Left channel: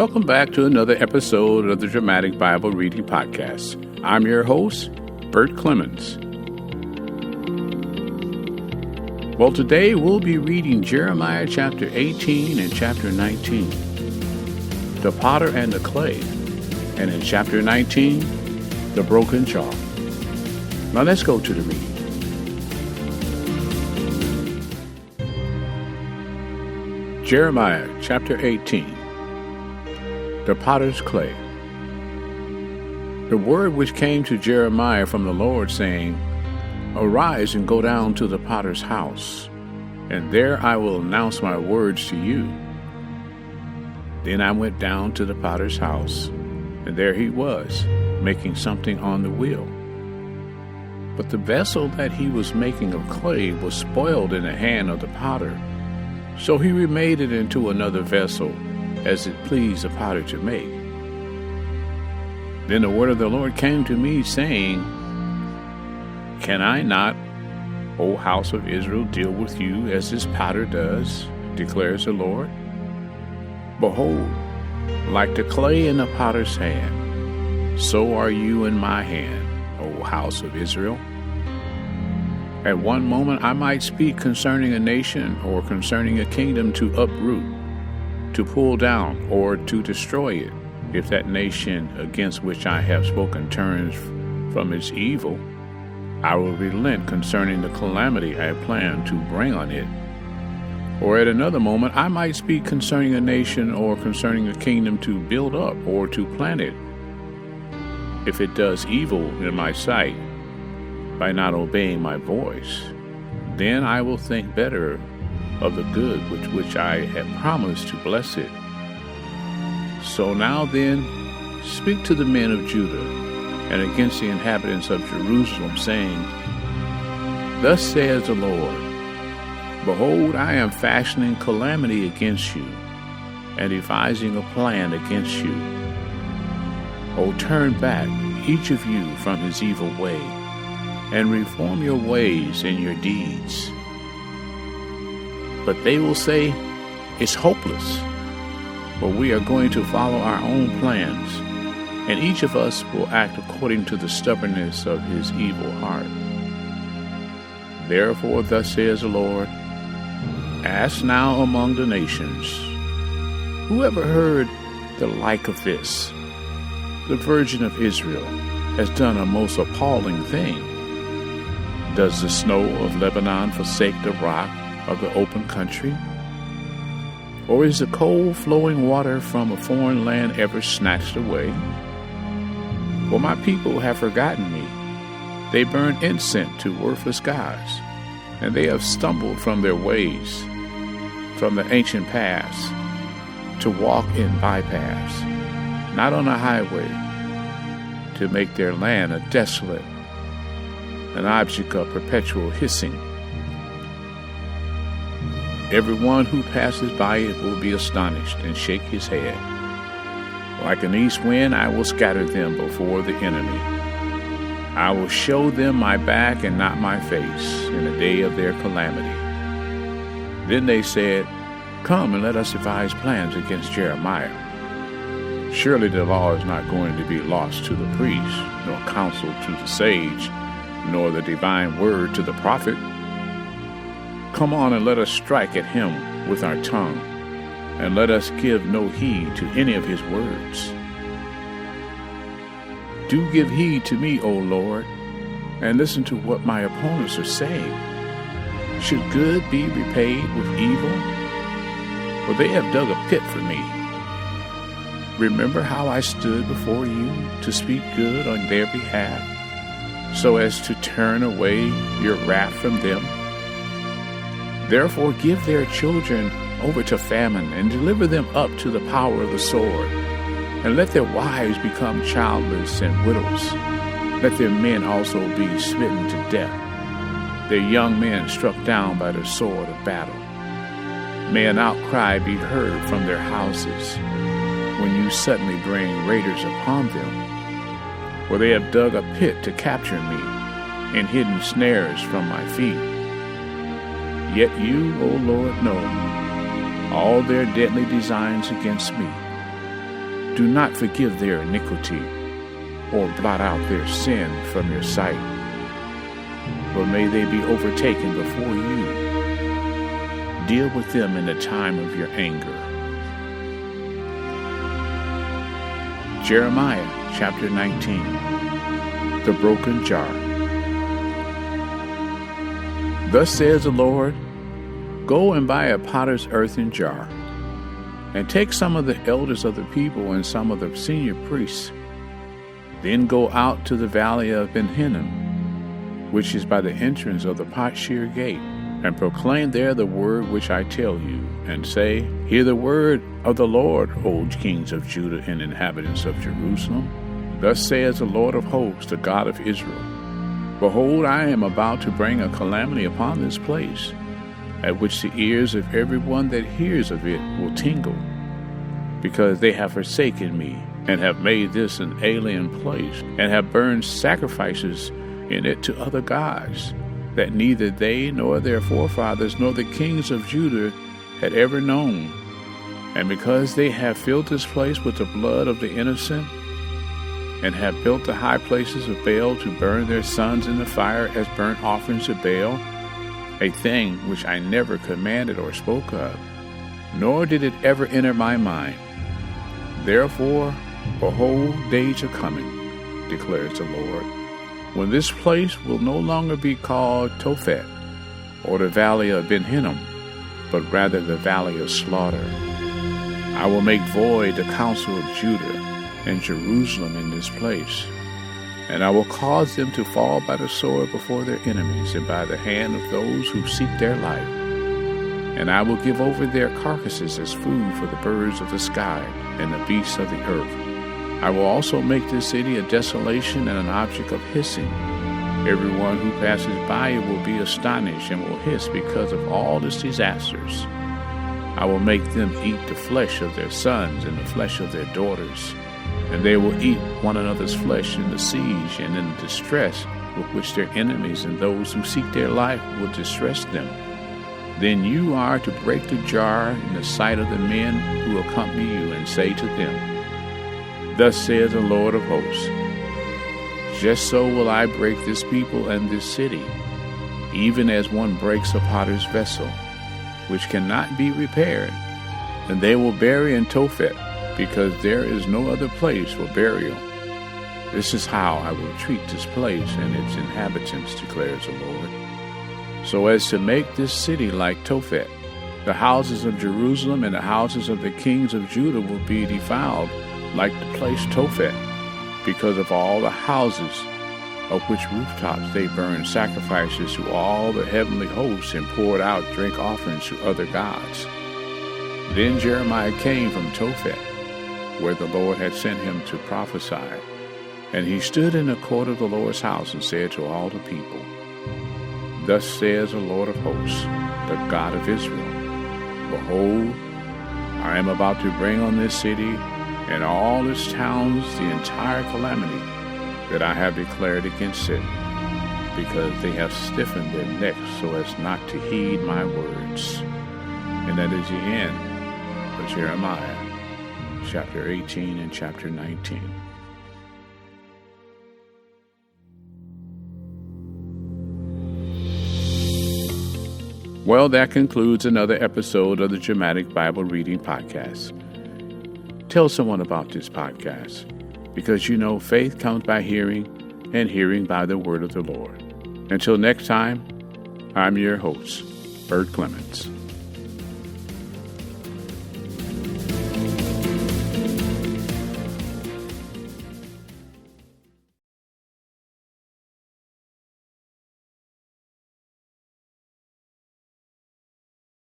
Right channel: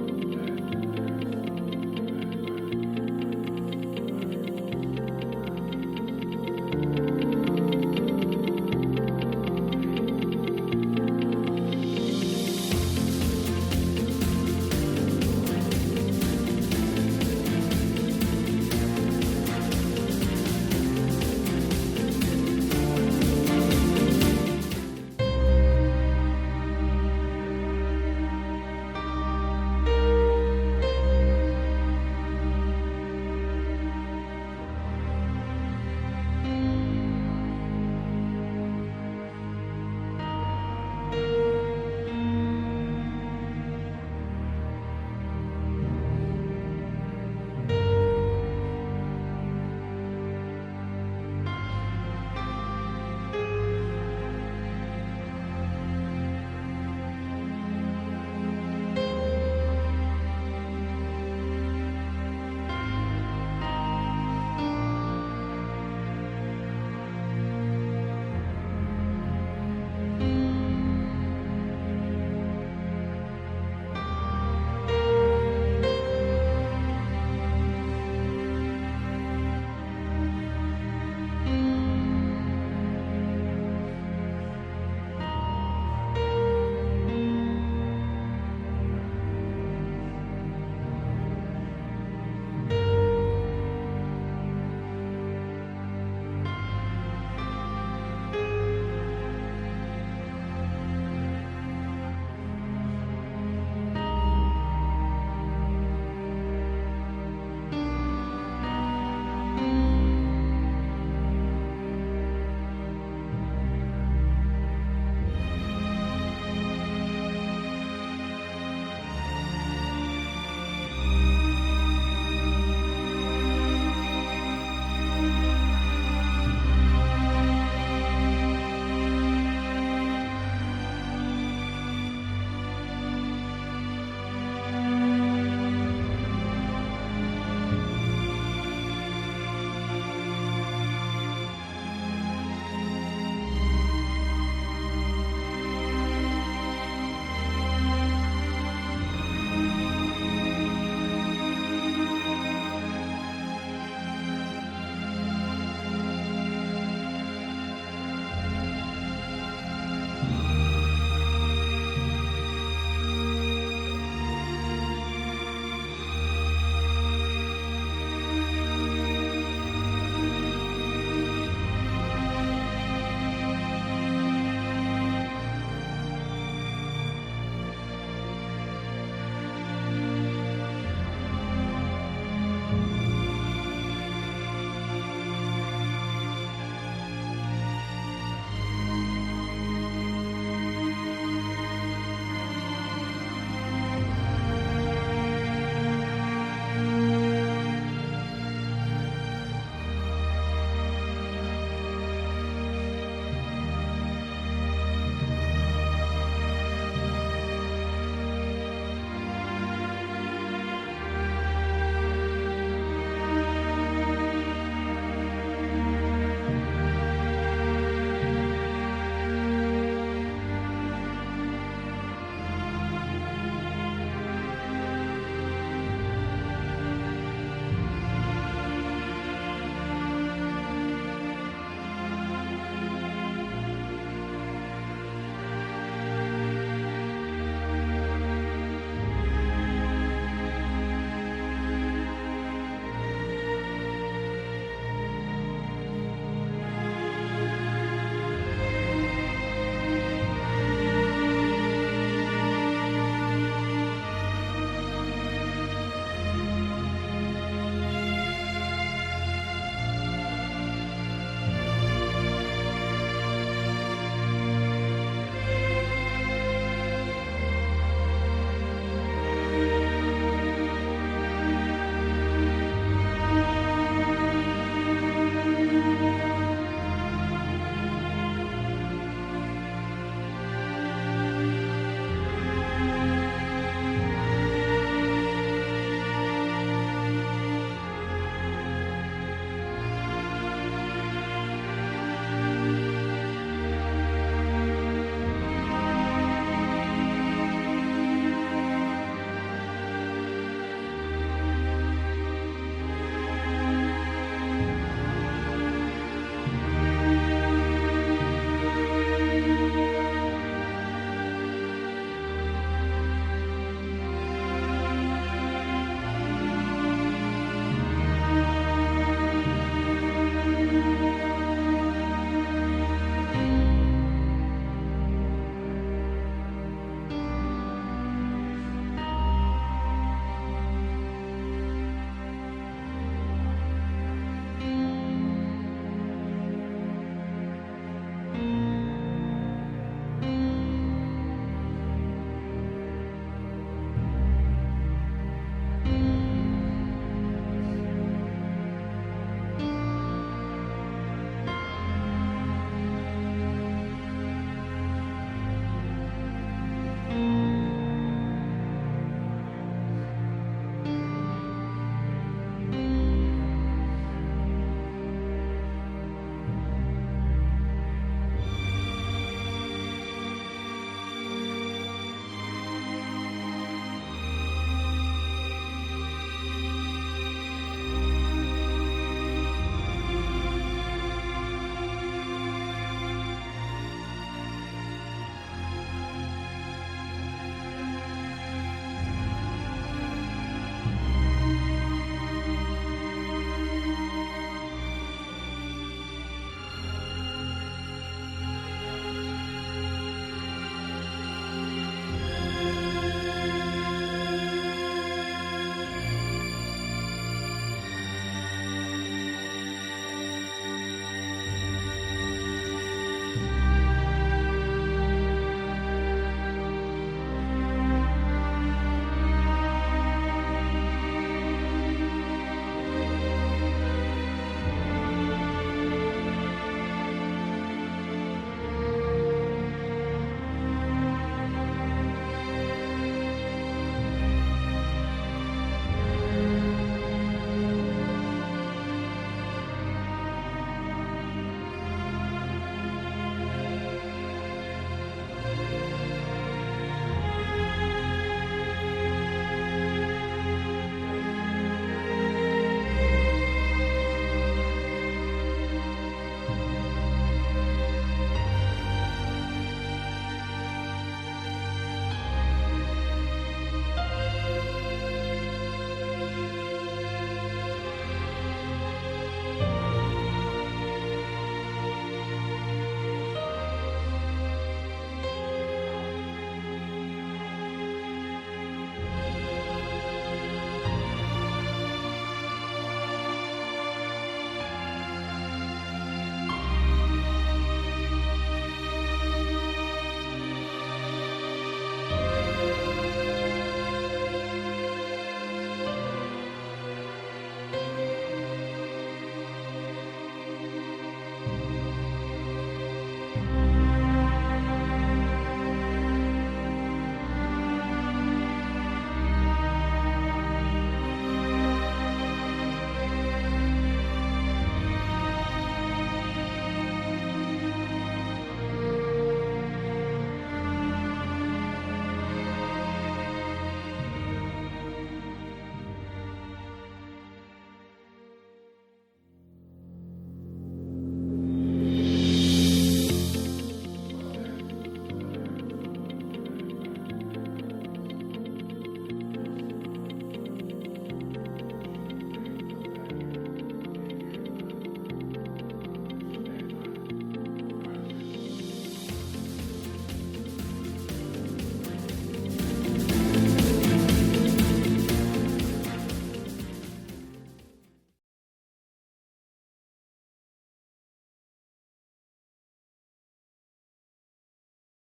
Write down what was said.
Welcome back to another episode of the Dramatic Bible Reading Podcast. I'm your host, Bert Clemens. Well, today we'll be reading Jeremiah chapter 18 and chapter 19, the potter and the clay, and in chapter 19, the broken jar. Now let's go to the reading. Jeremiah chapter 18, the potter's clay. The word which came to Jeremiah from the Lord, saying, Arise and go down to the potter's house, and there I will announce my words to you. Then I went down to the potter's house, and there he was, making something on the wheel. But the vessel that he was making of clay was spoiled in the hand of the potter. So he remade it into another vessel, as it pleased the potter to make. Then the word of the Lord came to me, saying, Can I not, O house of Israel, deal with you as this potter does, declares the Lord? Behold, like the clay in the potter's hand, so are you in my hand, O house of Israel. At one moment I might speak concerning a nation or concerning a kingdom to uproot, to pull down, or to destroy it, if that nation against which I have spoken turns from its evil. I will relent concerning the calamity I plan to bring on it. Or at another moment I might speak concerning a nation or concerning a kingdom to build up or to plant it, if it does evil in my sight, by not obeying my voice. Then I will think better of the good which I have promised to bless it. So now then, speak to the men of Judah and against the inhabitants of Jerusalem, saying, Thus says the Lord, Behold, I am fashioning calamity against you, and devising a plan against you. O turn back, each of you, from his evil way, and reform your ways and your deeds. But they will say, It's hopeless, but we are going to follow our own plans, and each of us will act according to the stubbornness of his evil heart. Therefore, thus says the Lord, Ask now among the nations, who ever heard the like of this? The Virgin of Israel has done a most appalling thing. Does the snow of Lebanon forsake the rock of the open country? Or is the cold flowing water from a foreign land ever snatched away? For my people have forgotten me. They burn incense to worthless gods, and they have stumbled from their ways, from the ancient paths, to walk in bypaths, not on a highway, to make their land a desolate, an object of perpetual hissing. Everyone who passes by it will be astonished and shake his head. Like an east wind, I will scatter them before the enemy. I will show them my back and not my face in the day of their calamity. Then they said, Come and let us devise plans against Jeremiah. Surely the law is not going to be lost to the priest, nor counsel to the sage, nor the divine word to the prophet. Come on and let us strike at him with our tongue, and let us give no heed to any of his words. Do give heed to me, O Lord, and listen to what my opponents are saying. Should good be repaid with evil? For they have dug a pit for me. Remember how I stood before you to speak good on their behalf, so as to turn away your wrath from them. Therefore give their children over to famine, and deliver them up to the power of the sword, and let their wives become childless and widows. Let their men also be smitten to death, their young men struck down by the sword of battle. May an outcry be heard from their houses, when you suddenly bring raiders upon them. For they have dug a pit to capture me, and hidden snares from my feet. Yet you, O Lord, know all their deadly designs against me. do not forgive their iniquity or blot out their sin from your sight, but may they be overtaken before you. Deal with them in the time of your anger. Jeremiah chapter 19, the broken jar. Thus says the Lord, go and buy a potter's earthen jar, and take some of the elders of the people and some of the senior priests. Then go out to the valley of Ben Hinnom, which is by the entrance of the Potshire gate, and proclaim there the word which I tell you, and say, hear the word of the Lord, O kings of Judah and inhabitants of Jerusalem. Thus says the Lord of hosts, the God of Israel, behold, I am about to bring a calamity upon this place, at which the ears of everyone that hears of it will tingle, because they have forsaken me, and have made this an alien place, and have burned sacrifices in it to other gods, that neither they nor their forefathers nor the kings of Judah had ever known. And because they have filled this place with the blood of the innocent, and have built the high places of Baal to burn their sons in the fire as burnt offerings to Baal, a thing which I never commanded or spoke of, nor did it ever enter my mind. Therefore, behold, days are coming, declares the Lord, when this place will no longer be called Tophet, or the valley of Ben Hinnom, but rather the valley of slaughter. I will make void the counsel of Judah and Jerusalem in this place, and I will cause them to fall by the sword before their enemies and by the hand of those who seek their life. And I will give over their carcasses as food for the birds of the sky and the beasts of the earth. I will also make this city a desolation and an object of hissing. Everyone who passes by it will be astonished and will hiss because of all its disasters. I will make them eat the flesh of their sons and the flesh of their daughters, and they will eat one another's flesh in the siege and in the distress with which their enemies and those who seek their life will distress them. Then you are to break the jar in the sight of the men who accompany you, and say to them, thus says the Lord of hosts, just so will I break this people and this city, even as one breaks a potter's vessel, which cannot be repaired. And they will bury in Tophet, because there is no other place for burial. This is how I will treat this place and its inhabitants, declares the Lord, so as to make this city like Tophet. The houses of Jerusalem and the houses of the kings of Judah will be defiled like the place Tophet, because of all the houses of which rooftops they burned sacrifices to all the heavenly hosts and poured out drink offerings to other gods. Then Jeremiah came from Tophet, where the Lord had sent him to prophesy. And he stood in the court of the Lord's house and said to all the people, thus says the Lord of hosts, the God of Israel, behold, I am about to bring on this city and all its towns the entire calamity that I have declared against it, because they have stiffened their necks so as not to heed my words. And that is the end of Jeremiah, chapter 18 and chapter 19. Well, that concludes another episode of the Dramatic Bible Reading Podcast. Tell someone about this podcast, because you know faith comes by hearing, and hearing by the word of the Lord. Until next time, I'm your host, Bert Clements.